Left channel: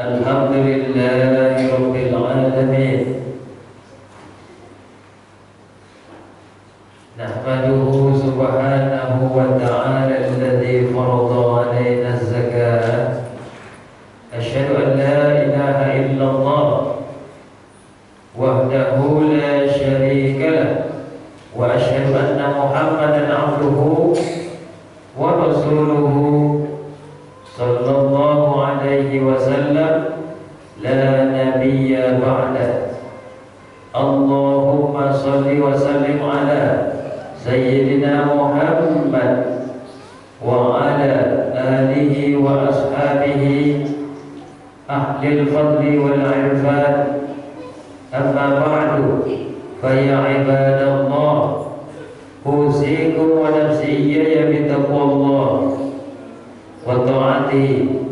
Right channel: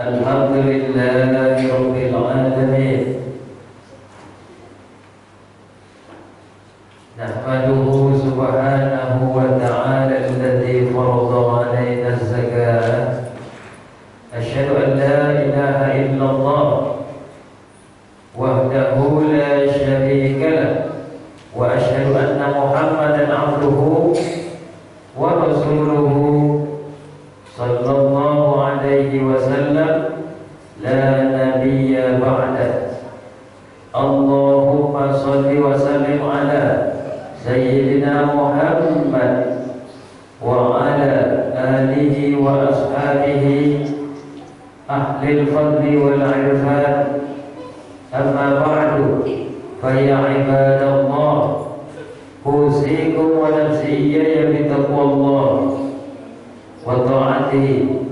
Alhamdulillahi Rabbil Alamin. Nahmaduhu subhanahu wa ta'ala alladhi farada alaina az-zakata. Asyhadu an la ilaha illallah wahdahu la syarika lah, wa asyhadu anna Muhammadan abduhu wa rasuluhu sallallahu alaihi wasallam la nabiyya ba'da. Allahumma salli wa sallim ala Sayyidina Muhammad wa ala alihi wa ashabihi ahlil fadli wal irfan. Amma ba'du, fa ya ibadallah, usikum wa nafsi iyaya bitaqwallah wa ta'atihi.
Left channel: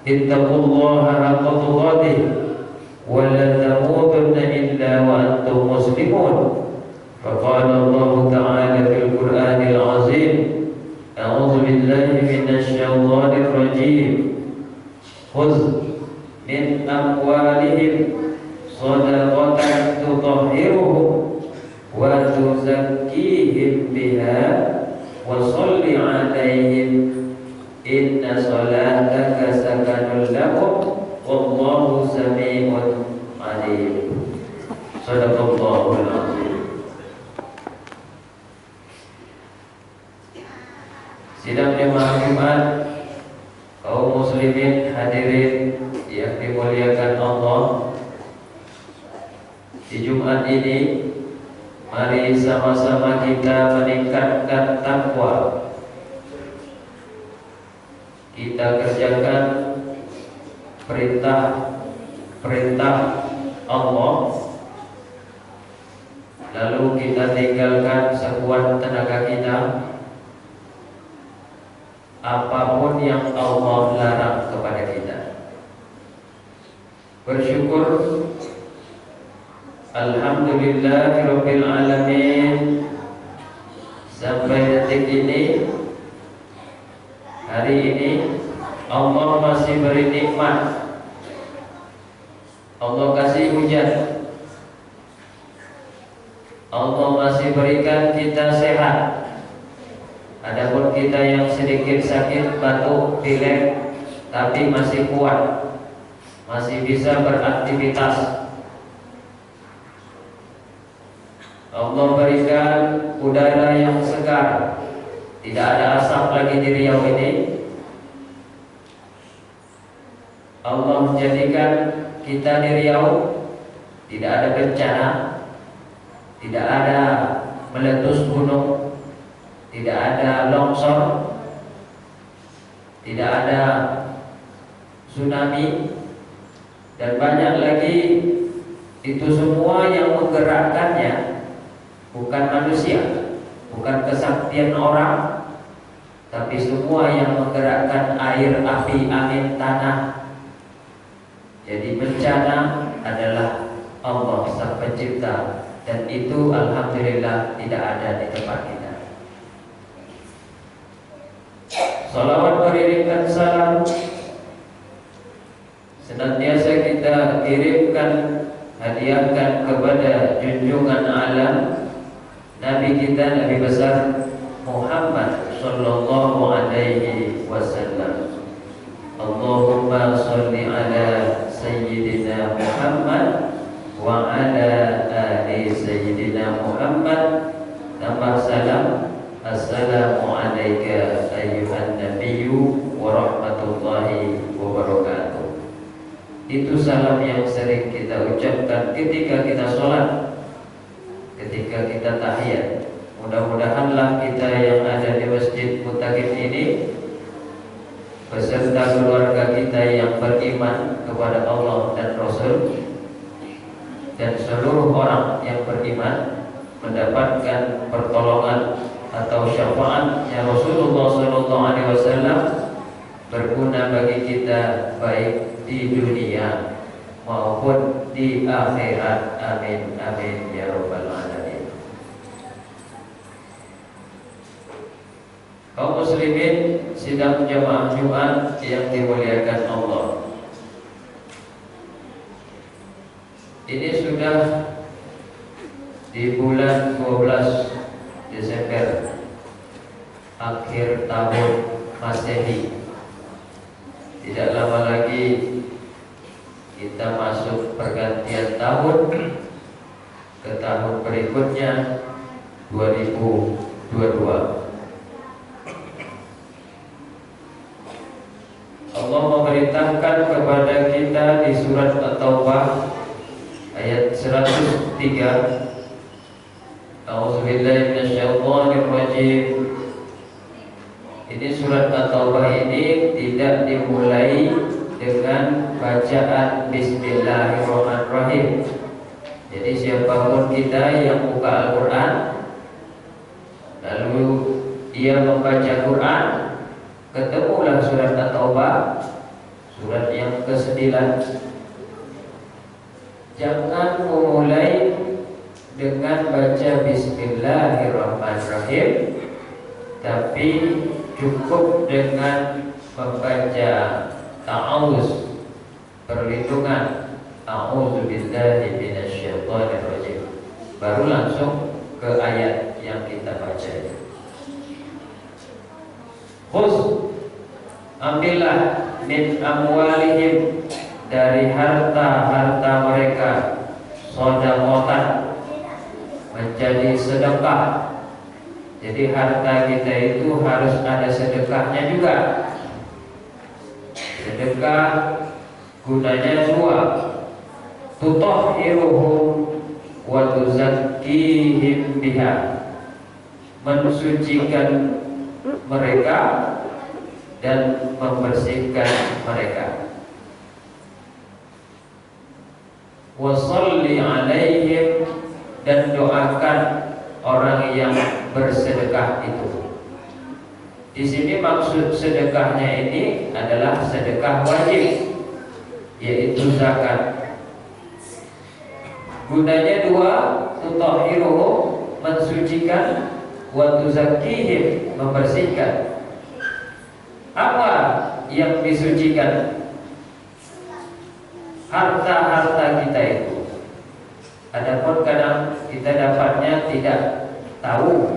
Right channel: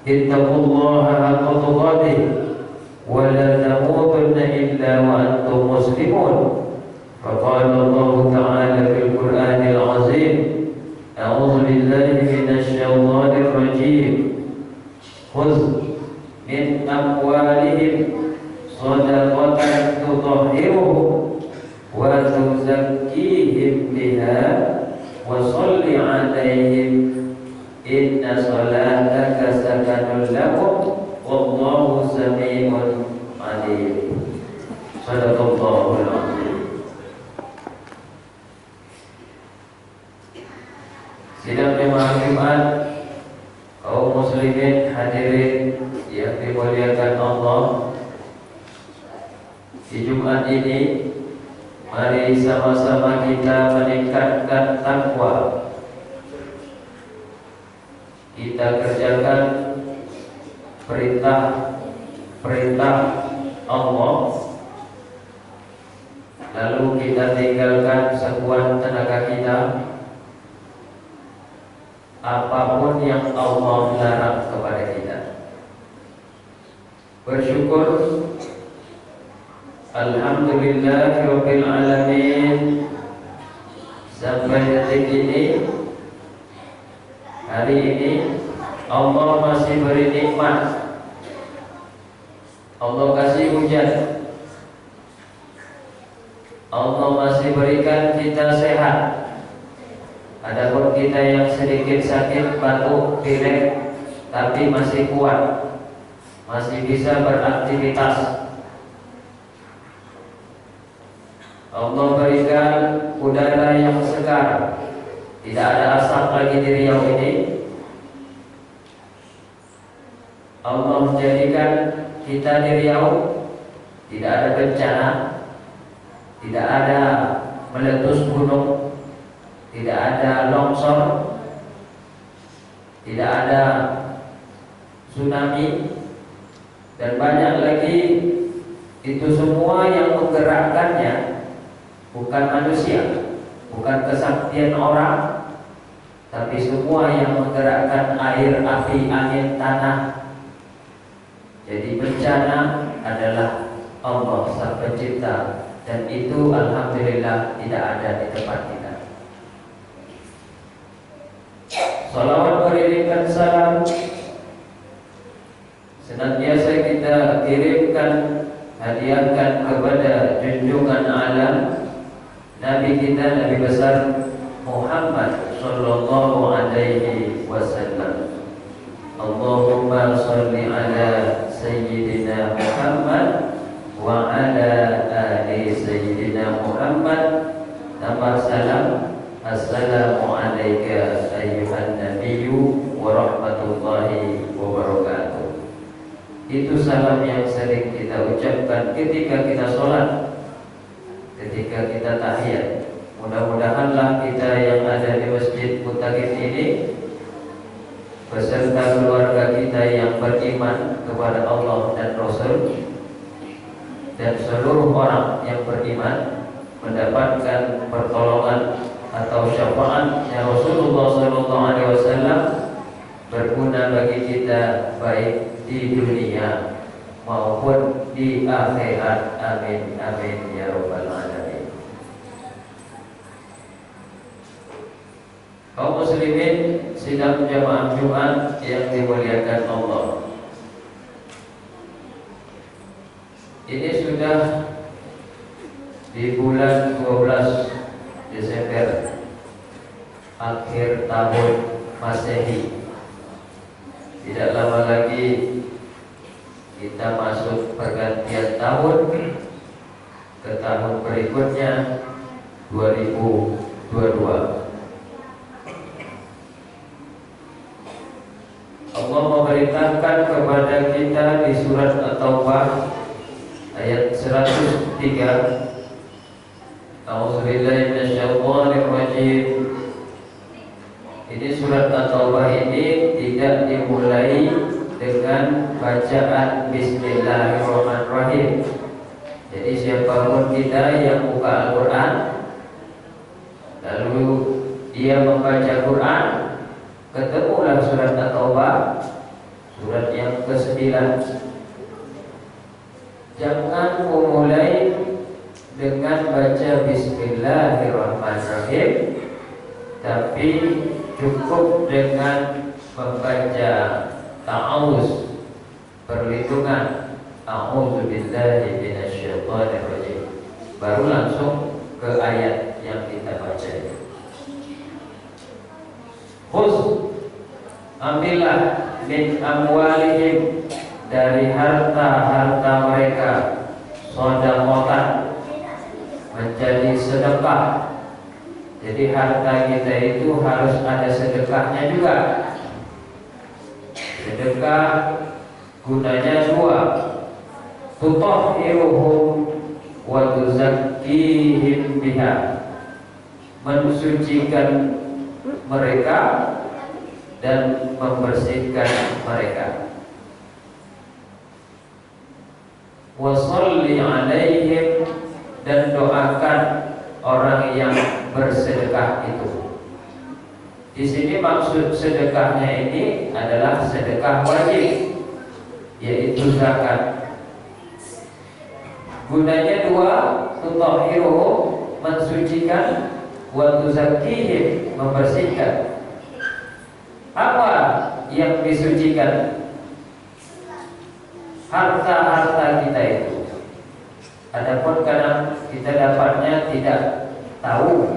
Ittaqullaha haqqa tuqatih wa la tamutunna illa wa antum muslimun. Faqala Allah ta'ala fil Qur'anil azim, a'udzu billahi minasy syaithanir rajim. Khudh min amwalihim shadaqatan tutahhiruhum wa tuzakkihim biha wa shalli 'alaihim inna salataka sakanun lahum wallahu samii'un 'aliim. Shadaqallahul 'azim. Sidang jemaah Jumat, kaum muslimin hadirin yang dimuliakan Allah, di Jumat ini mari sama-sama kita meningkatkan takwa. Kita kerjakan perintah Allah, lalu kita tinggalkan sekuat tenaga kita apapun yang Allah larang kepada kita. Bersyukur Alhamdulillahirabbil alamin, sampai detik ini, hari ini Allah masih beri nikmat. Allah kasih hujan, Allah masih berikan kita sehat. Adapun kita yang sedikit sakit, batuk, pilek, tapi masih kuat, masih bisa beraktivitas. Allah berikan udara yang segar, tidak ada asap lagi di Riau ini. Allah menjadikan kita di Riau tidak ada bencana, tidak ada meletus gunung, tidak ada longsor, tidak ada tsunami, dan banyak lagi. Itu semua yang menggerakkannya bukan manusia, bukan kesaktian orang, tapi semua yang menggerakkan air, api, angin, tanah. Jadi bencana adalah Allah Sang Pencipta, dan itu alhamdulillah tidak ada di tempat kita. Salawat beriringkan salam senantiasa kita kirimkan, hadiahkan kepada junjungan alam, Nabi kita, Nabi besar Muhammad sallallahu alaihi wasallam. Allahumma sholli ala Sayyidina Muhammad wa ala ali Sayyidina Muhammad. Nama salam, assalamu alayka ayyuhan nabiyyu wa rahmatullahi wa barakatuh. Itu salam yang sering kita ucapkan ketika kita sholat, ketika kita tahiyat. Mudah-mudahanlah kita yang ada di Masjid Muttaqin ini beserta keluarga kita yang beriman kepada Allah dan Rasul, dan seluruh orang yang beriman mendapatkan pertolongan atau syafaatnya Rasulullah SAW, berguna bagi kita baik di dunia maupun di akhirat. Amin amin ya rabbal alamin. Kaum muslimin sidang jamaah Jumat yang dimuliakan Allah, Ini sudah di bulan 12 Desember, akhir tahun Masehi. Tidak lama lagi kita masuk pergantian tahun ke tahun berikutnya, 2022. Allah memerintahkan kepada kita di surat At-Taubah ayat 103. A'udzubillahi minasyaitonirrajim. Ini surat At-Taubah ini tidak dimulai dengan bacaan Bismillahirrahmanirrahim. Jadi siapapun kita yang buka Al-Quran lalu dia membaca Quran, ketemulah surat At-Taubah, surat yang ke-9. Jangan memulai dengan baca Bismillahirrahmanirrahim, tapi cukup dengan membaca ta'awuz, perlindungan, a'udzubillahi minasyaitonirrajim, baru langsung ke ayat yang kita baca. Khuz, ambillah min amwalihim, dari harta-harta mereka, shadaqatan, menjadi sedekah. Jadi harta kita itu harus ada sedekahnya juga. Sedekah gunanya dua, tutahhiruhum wa tuzakkihim biha, mensucikan mereka dan membersihkan mereka. Wa sholli alaihim, dan doakan orang yang bersedekah itu. Di sini maksud sedekahnya ini adalah sedekah wajib, yaitu zakat. Gunanya dua, tutahhiruhum, mensucikan, wa tuzakkihim, membersihkan. Apa yang disucikan? Harta-harta kita itu. Adapun kadang kita dapatnya tidak tahu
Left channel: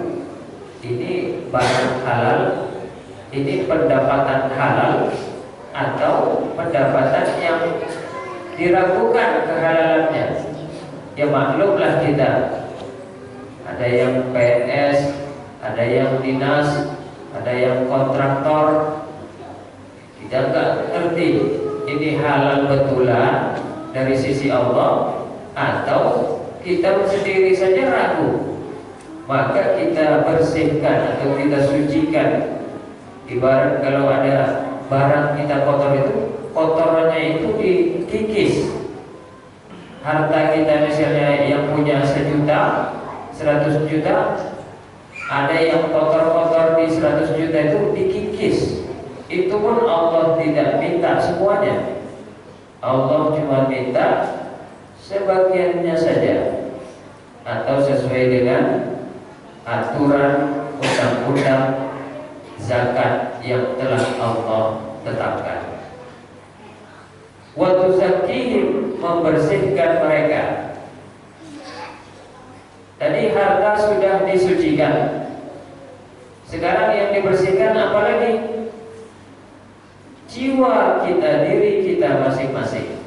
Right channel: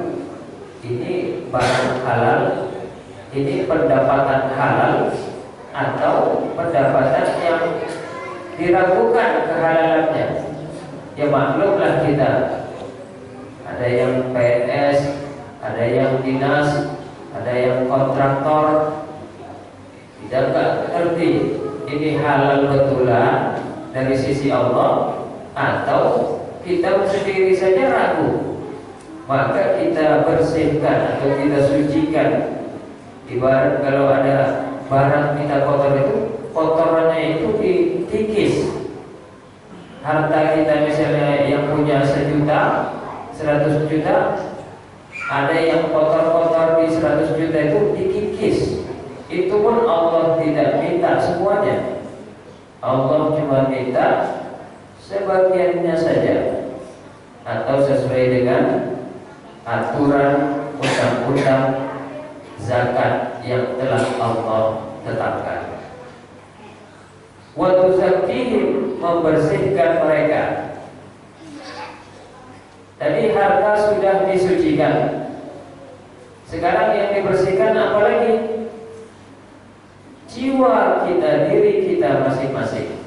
ini barang halal, ini pendapatan halal, atau pendapatan yang diragukan kehalalannya. Ya maklumlah kita, ada yang PNS, ada yang dinas, ada yang kontraktor. Kita nggak ngerti ini halal betulan dari sisi Allah, atau kita sendiri saja ragu. Maka kita bersihkan atau kita sucikan. Ibarat kalau ada barang kita kotor itu, kotorannya itu dikikis. Harta kita misalnya yang punya 1 juta, 100 juta, ada yang kotor-kotor di 100 juta itu dikikis. Itu pun Allah tidak minta semuanya. Allah cuma minta sebagiannya saja, atau sesuai dengan aturan undang-undang zakat yang telah Allah tetapkan. Wa tuzakkihim, membersihkan mereka. Tadi harta sudah disucikan, sekarang yang dibersihkan apa lagi? Jiwa kita, diri kita masing-masing.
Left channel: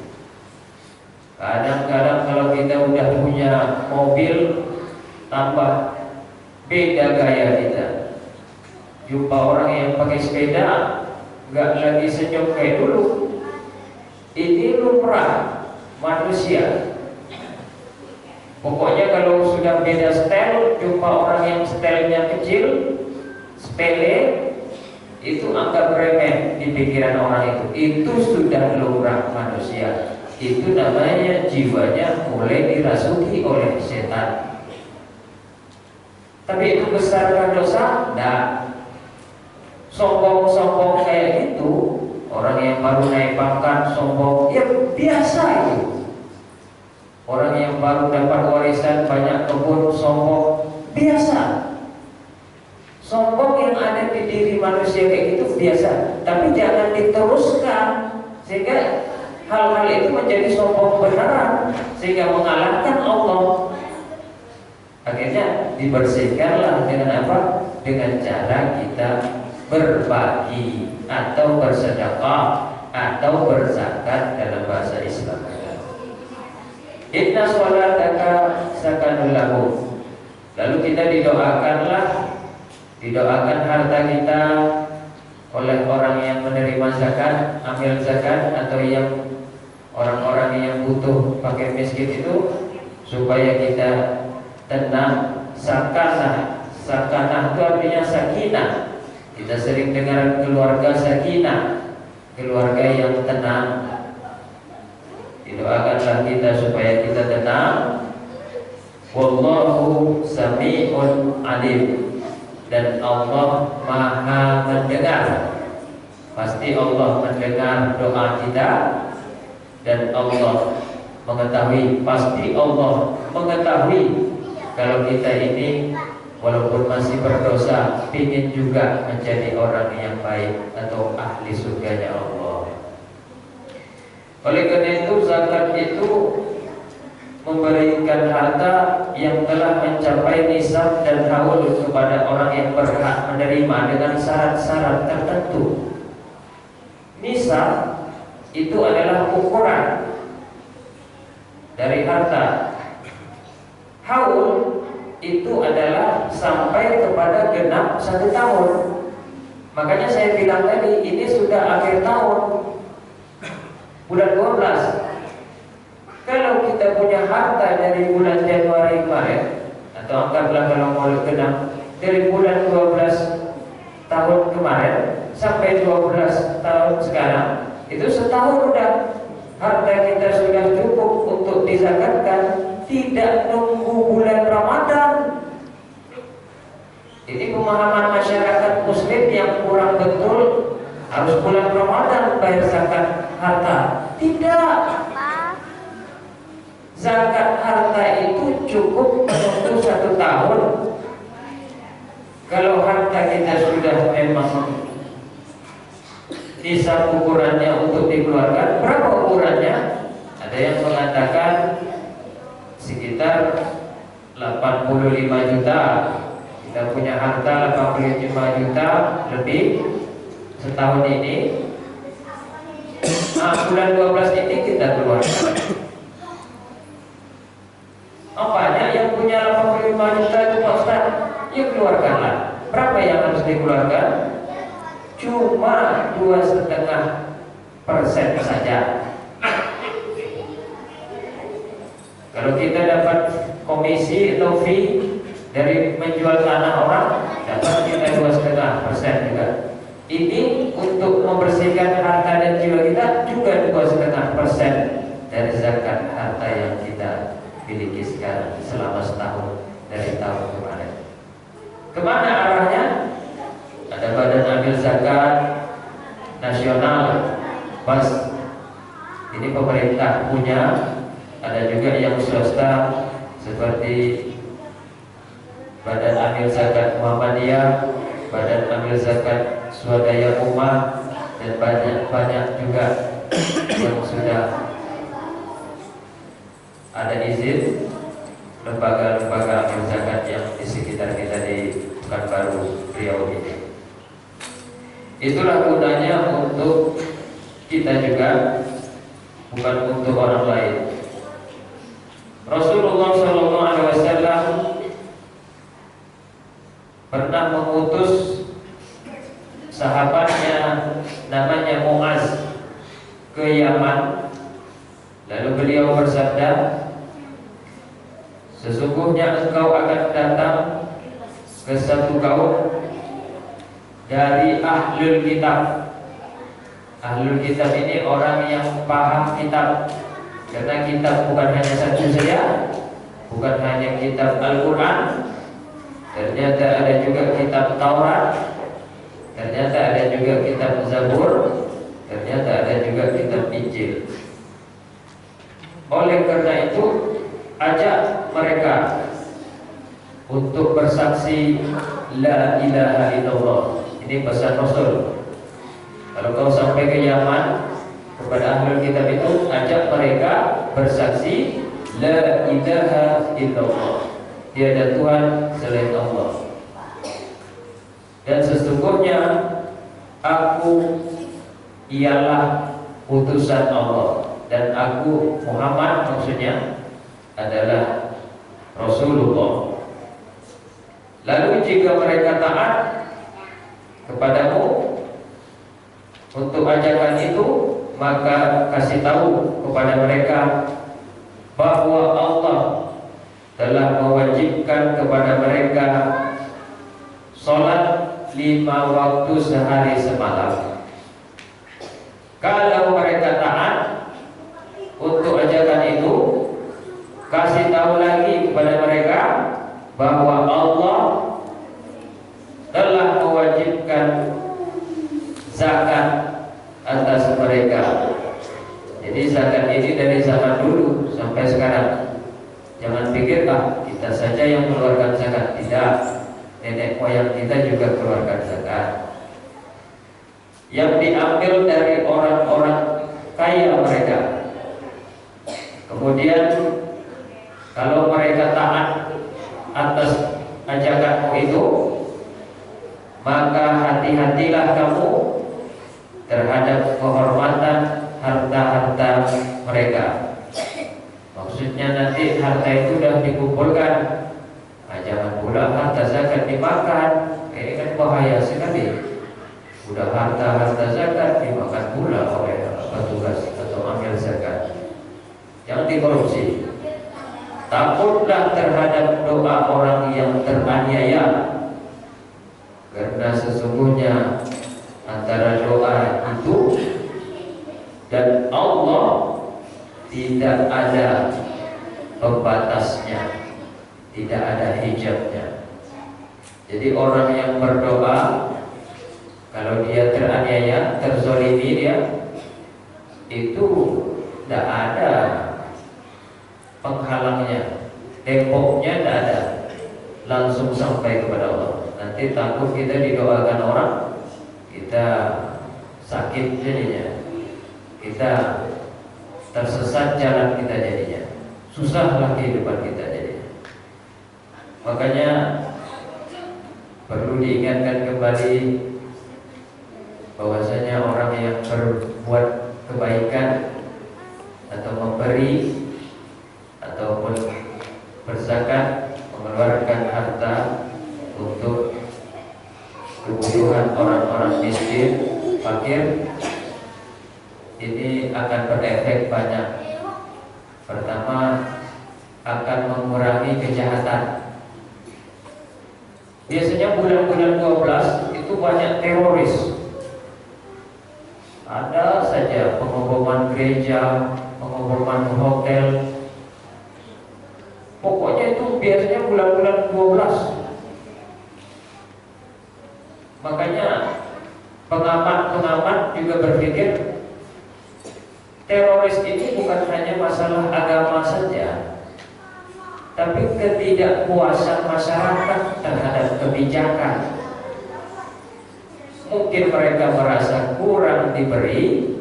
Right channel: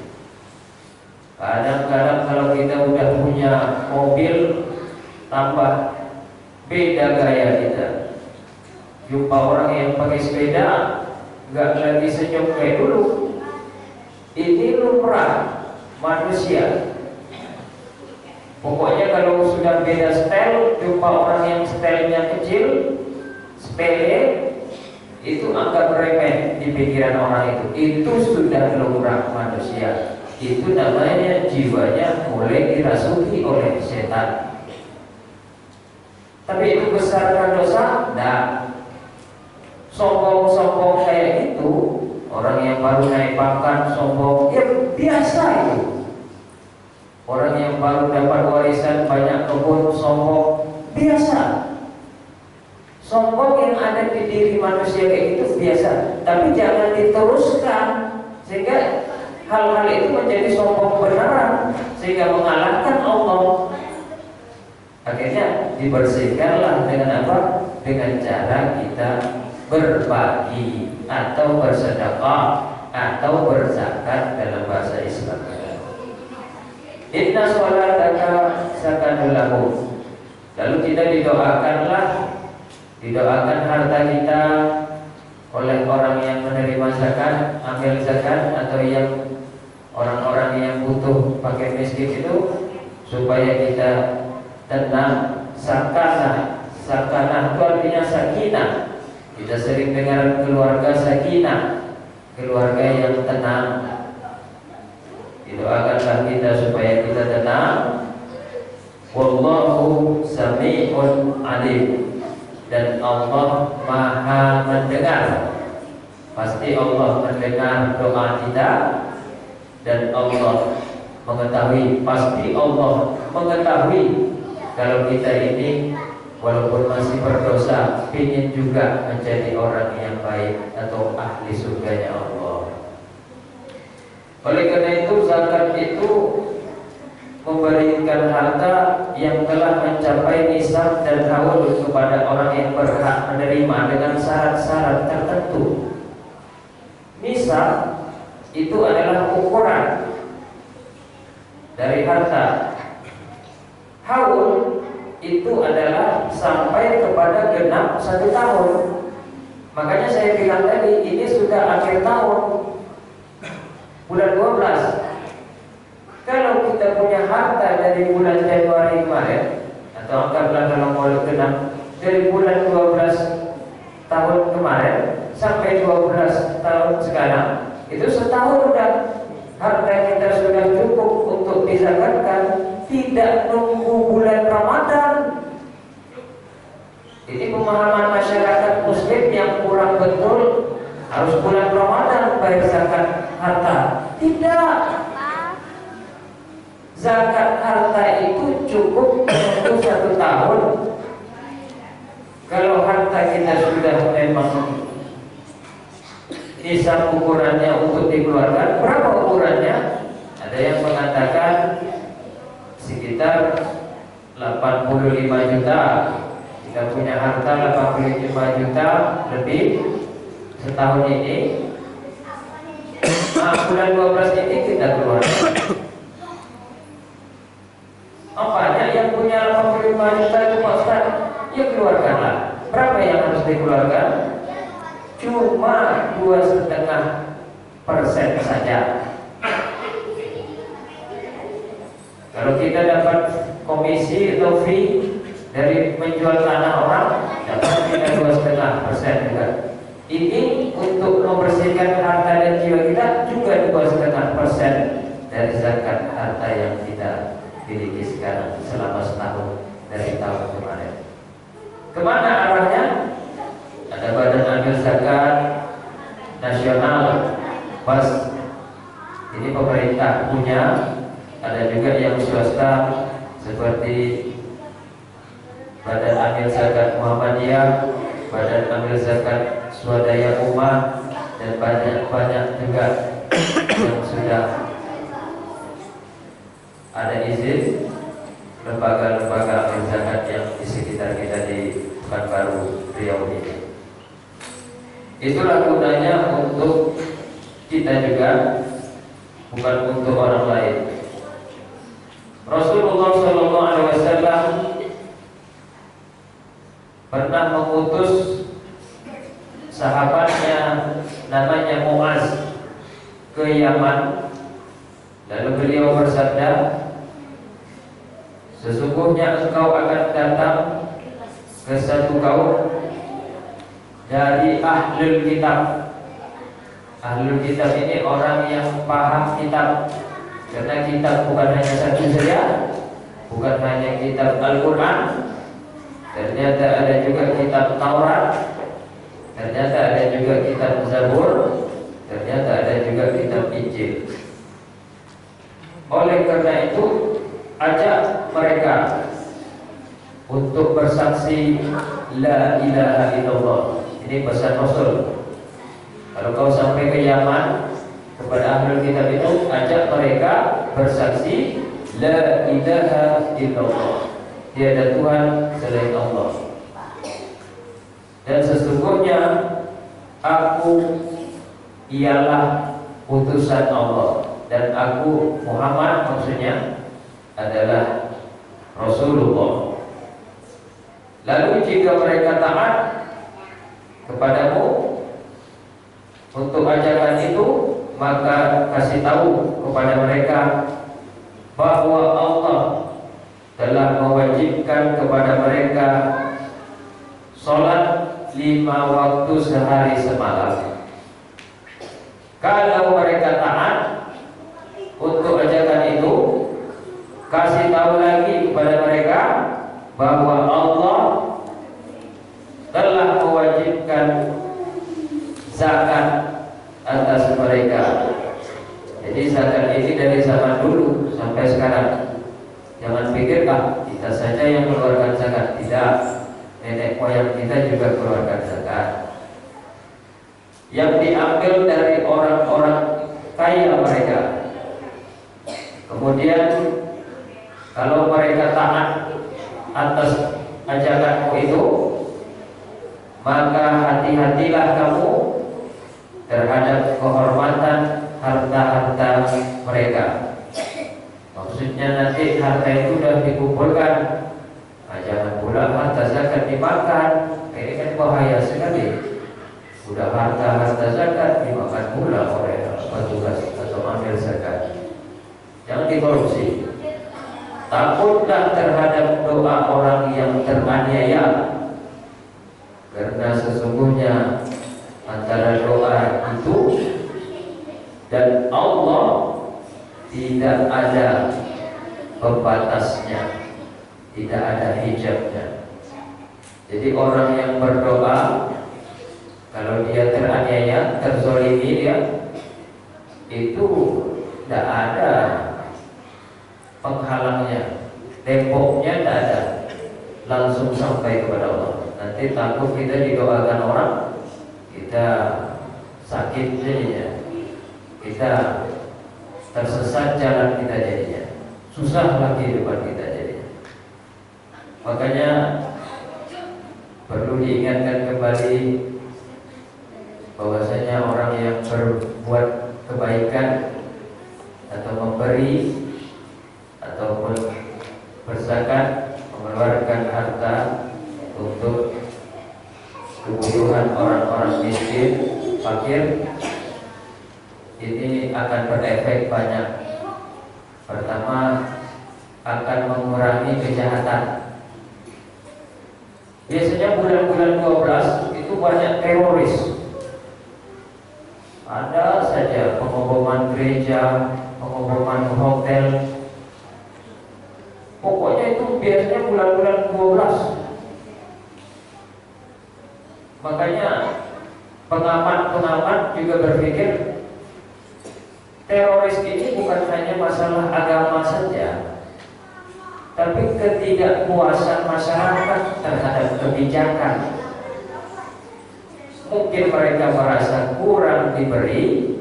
Kadang-kadang kalau kita udah punya mobil, tambah beda gaya kita. Jumpa orang yang pakai sepeda, nggak lagi senyum kayak dulu. Ini lumrah manusia. Pokoknya kalau sudah beda style, jumpa orang yang stylenya kecil, sepele, itu anggap remeh di pikiran orang itu. Itu sudah lumrah manusia. Itu namanya jiwanya mulai dirasuki oleh setan. Tapi itu besarkan dosa? Nah, sombong-sombong kayak itu, orang yang baru naik pangkat sombong, ya biasa itu. Orang yang baru dapat warisan banyak kebun sombong, biasa. Sombong yang ada di diri manusia kayak gitu biasa, tapi jangan diteruskan sehingga hal-hal itu menjadi sombong benaran sehingga mengalahkan Allah. Akhirnya dibersihkanlah dengan apa? Dengan cara kita berbagi atau bersedekah atau berzakat dalam bahasa Islam. Inna sholataka sakanul lahum. Lalu kita didoakan harta kita oleh orang yang menerima zakat, ambil zakat, atau yang orang-orang yang butuh pakai miskin itu, supaya kita tenang. Sakanah itu artinya sakinah. Kita sering dengar keluarga sakinah, keluarga yang tenang. Didoakanlah kita supaya kita tenang. Wallahu sami'un alim. Dan Allah Maha mendengar. Pasti Allah mendengar doa kita. Dan Allah mengetahui, pasti Allah mengetahui kalau kita ini walaupun masih berdosa, ingin juga menjadi orang yang baik atau ahli surganya Allah. Oleh karena itu, zakat itu memberikan harta yang telah mencapai nisab dan haul kepada orang yang berhak menerima dengan syarat-syarat tertentu. Nisab itu adalah ukuran dari harta. Haul itu adalah sampai kepada genap 1 tahun. Makanya saya bilang tadi, ini sudah akhir tahun, bulan 12. Kalau kita punya harta dari bulan Januari kemarin, atau anggaplah kalau mau genap dari bulan 12 tahun kemarin sampai 12 tahun sekarang, itu setahun udah harta kita sudah cukup untuk dizakatkan. Tidak nunggu bulan Ramadan. Ini pemahaman masyarakat Muslim yang kurang betul. Harus bulan Ramadan bayar zakat harta. Tidak. Zakat harta itu cukup untuk 1 tahun. Kalau harta kita sudah memang nisab ukurannya untuk dikeluarkan, berapa ukurannya? Ada yang mengatakan sekitar 85 juta. Kita punya harta 85 juta lebih setahun ini. Bulan 12 ini kita keluarkan. Apanya yang punya 85 juta itu Pak Ustaz? Ya keluarkanlah. Berapa yang harus dikeluarkan? Cuma 2,5% saja. Kalau kita dapat komisi atau fee dari menjual tanah orang, dapat kita 2,5% juga. Ini untuk membersihkan harta dan jiwa kita juga 2,5% dari zakat harta yang kita miliki sekarang selama setahun dari tahun kemarin. Kemana arahnya? Ada badan ambil zakat nasional, pas ini pemerintah punya. Ada juga yang swasta seperti Badan Amil Zakat Muhammadiyah, Badan Amil Zakat Swadaya Ummah, dan banyak juga yang sudah ada izin lembaga-lembaga amil zakat yang di sekitar kita di Pekanbaru Riau ini. Itulah gunanya untuk kita juga, bukan untuk orang lain. Rasulullah SAW pernah mengutus sahabatnya namanya Muaz ke Yaman. Lalu beliau bersabda, sesungguhnya engkau akan datang ke satu kaum dari ahlul kitab. Ahlul kitab ini orang yang paham kitab. Karena kitab bukan hanya satu saja, bukan hanya kitab Al-Quran. Ternyata ada juga kitab Taurat, ternyata ada juga kitab Zabur, ternyata ada juga kitab Injil. Oleh karena itu, ajak mereka untuk bersaksi La ilaha illallah. Ini pesan Rasul. Kalau kau sampai ke Yaman, kepada ahlul kitab itu, illallah. Tiada Tuhan selain Allah. Dan sesungguhnya aku ialah utusan Allah, dan aku Muhammad maksudnya adalah Rasulullah. Lalu jika mereka taat kepadamu untuk ajakan itu, maka kasih tahu kepada mereka bahwa Allah telah mewajibkan kepada mereka sholat 5 waktu sehari semalam. Kalau mereka taat untuk ajakan itu, kasih tahu lagi kepada mereka bahwa Allah telah mewajibkan zakat atas mereka. Jadi zakat ini dari zaman dulu sampai sekarang. Jangan pikir kita saja yang mengeluarkan zakat. Tidak, nenek moyang kita juga keluarkan zakat, yang diambil dari orang-orang kaya mereka. Kemudian kalau mereka taat atas ajakanmu itu, maka hati-hatilah kamu terhadap kehormatan harta-harta mereka. Maksudnya nanti harta itu sudah dikumpulkan, jangan pula harta zakat dimakan. Ini kan bahaya sekali. Sudah harta zakat dimakan pula oleh petugas atau amil zakat. Jangan dikorupsi. Takutlah terhadap doa orang yang teraniaya, karena sesungguhnya antara doa itu dan Allah tidak ada pembatasnya, tidak ada hijabnya. Jadi orang yang berdoa, kalau dia teraniaya, terzolimi dia, itu tidak ada penghalangnya, temboknya tidak ada, langsung sampai kepada Allah. Nanti takut kita didoakan orang, kita sakit jadinya, kita tersesat jalan kita jadinya, susahlah kehidupan kita jadinya. Makanya perlu diingatkan kembali bahwasanya orang yang berbuat kebaikan atau memberi ataupun berzakat, mengeluarkan harta untuk kebutuhan orang-orang miskin, fakir, ini akan berefek banyak. Pertama, akan mengurangi kejahatan. Biasanya bulan-bulan 12 itu banyak teroris. Ada saja pengeboman gereja, pengeboman hotel. Pokoknya itu biasanya bulan-bulan 12. Makanya pengamat-pengamat juga berpikir teroris ini bukan hanya masalah agama saja, tapi ketidakpuasan masyarakat terhadap kebijakan. Mungkin mereka merasa kurang diberi,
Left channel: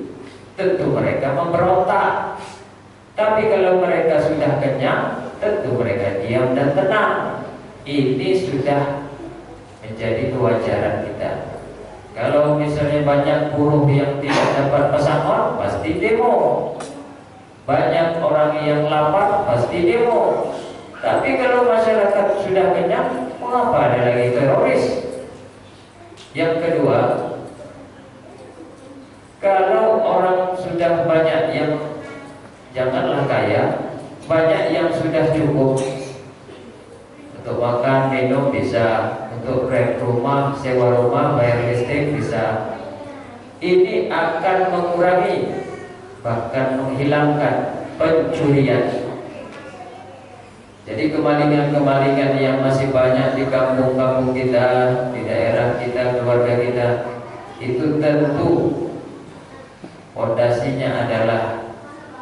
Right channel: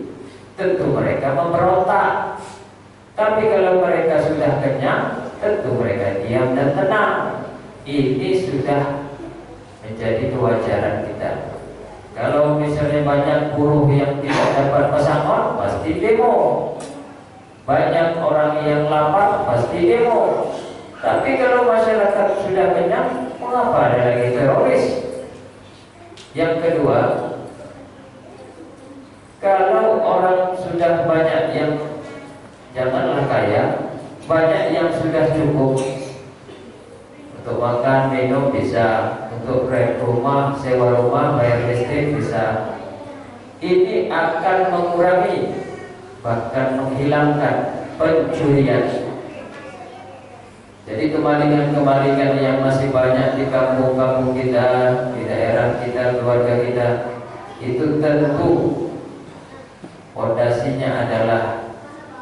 tentu mereka memberontak. Tapi kalau mereka sudah kenyang, tentu mereka diam dan tenang. Ini sudah menjadi kewajaran kita. Kalau misalnya banyak buruh yang tidak dapat pesangon, pasti demo. Banyak orang yang lapar, pasti demo. Tapi kalau masyarakat sudah kenyang, mengapa ada lagi teroris? Yang kedua, kalau orang sudah banyak yang, janganlah kaya, banyak yang sudah cukup untuk makan, minum bisa, untuk rent rumah, sewa rumah, bayar listrik bisa. Ini akan mengurangi, bahkan menghilangkan pencurian. Jadi kemalingan-kemalingan yang masih banyak di kampung-kampung kita, di daerah kita, keluarga kita, itu tentu fondasinya adalah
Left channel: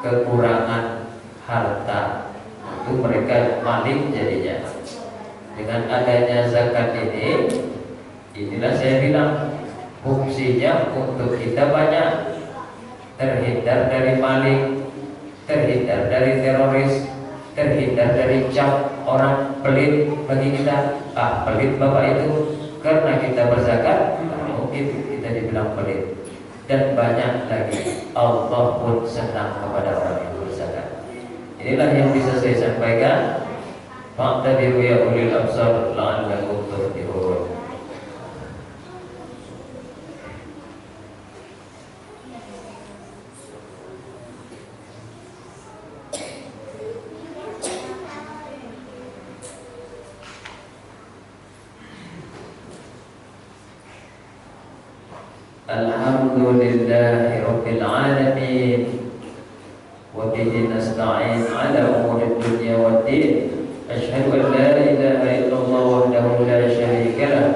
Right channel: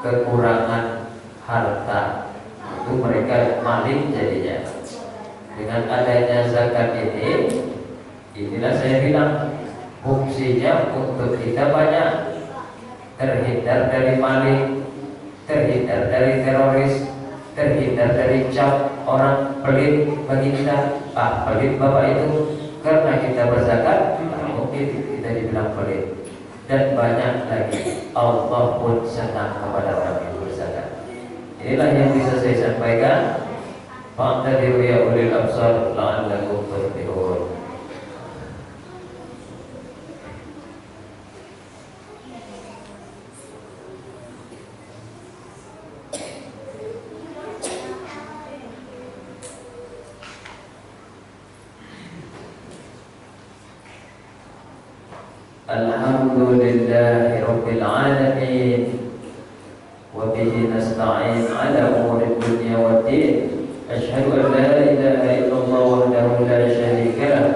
kekurangan harta. Itu mereka maling jadinya. Dengan adanya zakat ini, inilah saya bilang fungsinya untuk kita banyak terhindar dari maling, terhindar dari teroris, terhindar dari jam, orang pelit bagi kita? Pelit bapak itu karena kita berzakat, mungkin kita dibilang pelit. Dan banyak lagi, Allah pun senang kepada orang yang berzakat. Inilah yang bisa saya sampaikan. Fa'tadiru ya ulil absar la'allakum turjihun. Alhamdulillahi Rabbil Alamin, wa bihi nasta'in ala umuri dunya waddin. Asyhadu an la ilaha illallah wahdahu la syarika lah,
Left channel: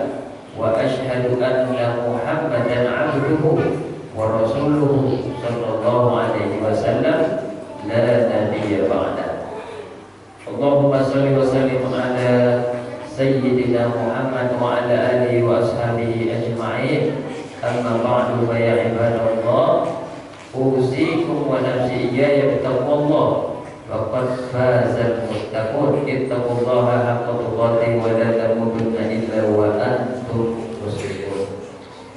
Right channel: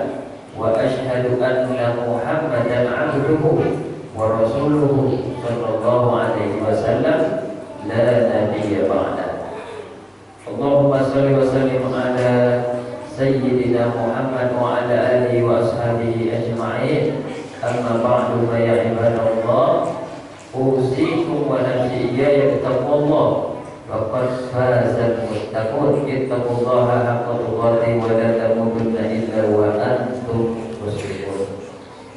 wa asyhadu anna Muhammadan abduhu wa rasuluhu sallallahu alaihi wasallam la nabiyya ba'da. Allahumma shalli wa sallim ala sayyidina Muhammad wa ala alihi wa ashabihi ajma'in. Amma ba'du fa ya ibadallah, usikum wa nafsi iyaya bittaqwallah. Faqad fazal muttaqun. Ittaqullaha haqqa tuqatih wa la tamutunna illa wa antum muslimun.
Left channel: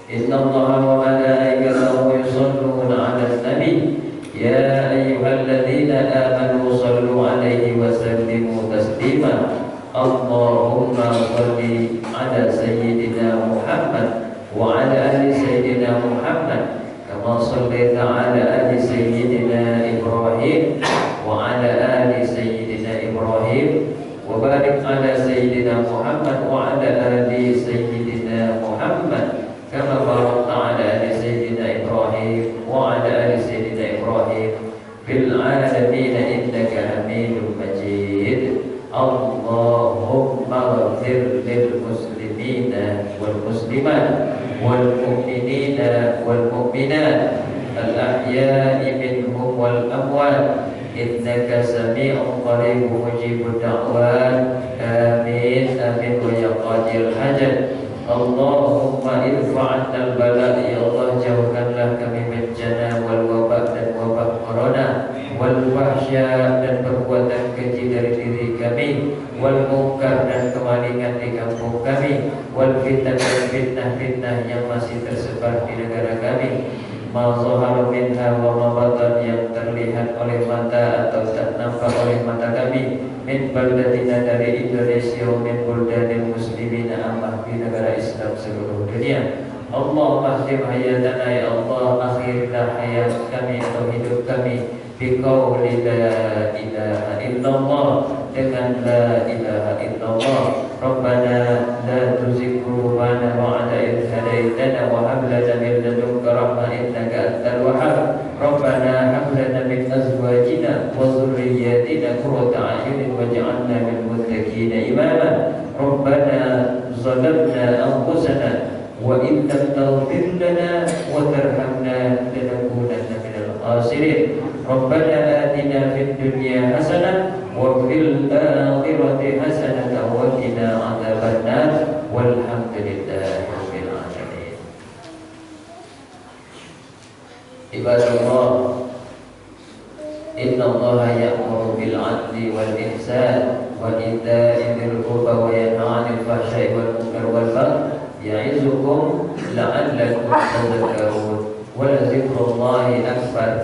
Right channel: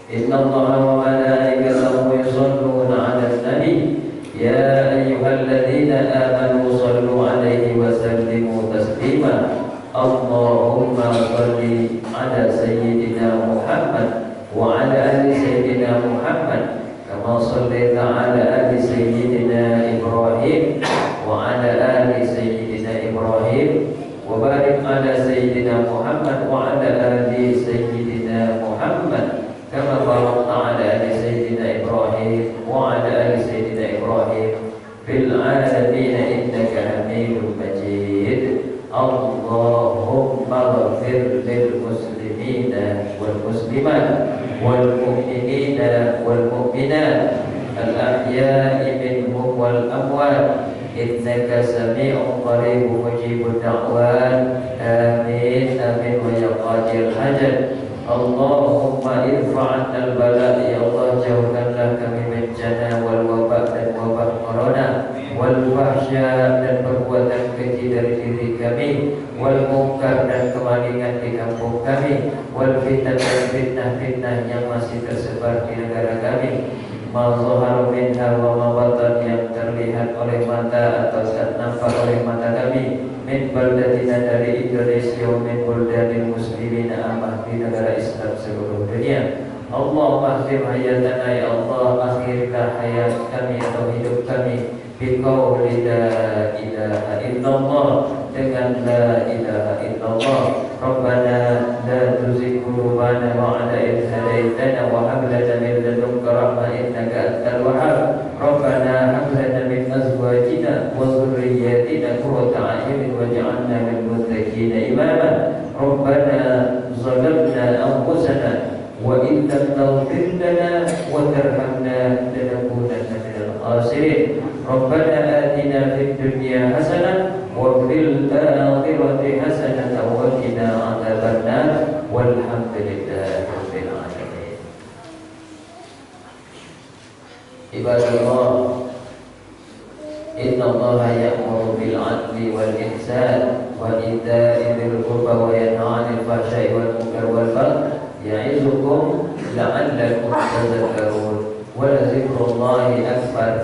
Innallaha wa malaikatahu yusholluna 'alan nabi. Ya ayyuhalladzina amanu shallu 'alaihi wa sallimu taslima. Allahumma shalli 'ala sayyidina Muhammad wa ala ali sayyidina Muhammad kama shallaita ala ali sayyidina Ibrahim wa ala ali sayyidina Ibrahim wa barik ala sayyidina Muhammad wa ala ali sayyidina Muhammad kama barakta ala ali sayyidina Ibrahim wa ala ali sayyidina Ibrahim fil alamin innaka Hamidum Majid. Allahumma ighfir lil muslimina wal muslimat wal mu'minina wal mu'minat al ahya'i minhum wal amwat innaka sami'un qaribun mujibud da'wat. Amin amin wa ya qadil hajat. Allahumma irfa' 'annal bala', ya Allah jauhkanlah kami bencana wal wabak dan wabak corona, wal fahsya dan perbuatan keji dari diri kami, wal munkar dan kemalingan di kampung kami, wal fitnah dan fitnah-fitnah yang masih tersebar di negara kami, ma zahara minha wa ma batan, yang terlihat oleh mata atau tak nampak oleh mata kami, min baldatina dari Indonesia, min buldanil muslimina amah di negara Islam seluruh dunia. Allah akhir hayatana, ya Allah akhirlah hayat kami atau hidup kami biqauli la ilaha illallah, dengan la ilaha illallah. Rabbana la tuzigh qulubana ba'da idh hadaitana wa hab lana min ladunka rahmah innaka antal wahhab. Rabbana hab lana min azwajina wa dhurriyyatina qurrata a'yunin waj'alna lil muttaqina imama. Rabbana zalamna anfusana wa in lam taghfir lana wa tarhamna lanakunanna minal khasirin. Rabbana atina fid dunya hasanah wa fil akhirati hasanah wa qina adzabannar. Walhamdulillahi rabbil alamin. Ibadallah, innallaha ya'muru bil 'adli wal ihsan wa ita'i dzil qurba wa yanha 'anil fahsya'i wal munkar wal baghi ya'izukum la'allakum tadhakkarun. Wa la dzikrullahi akbar.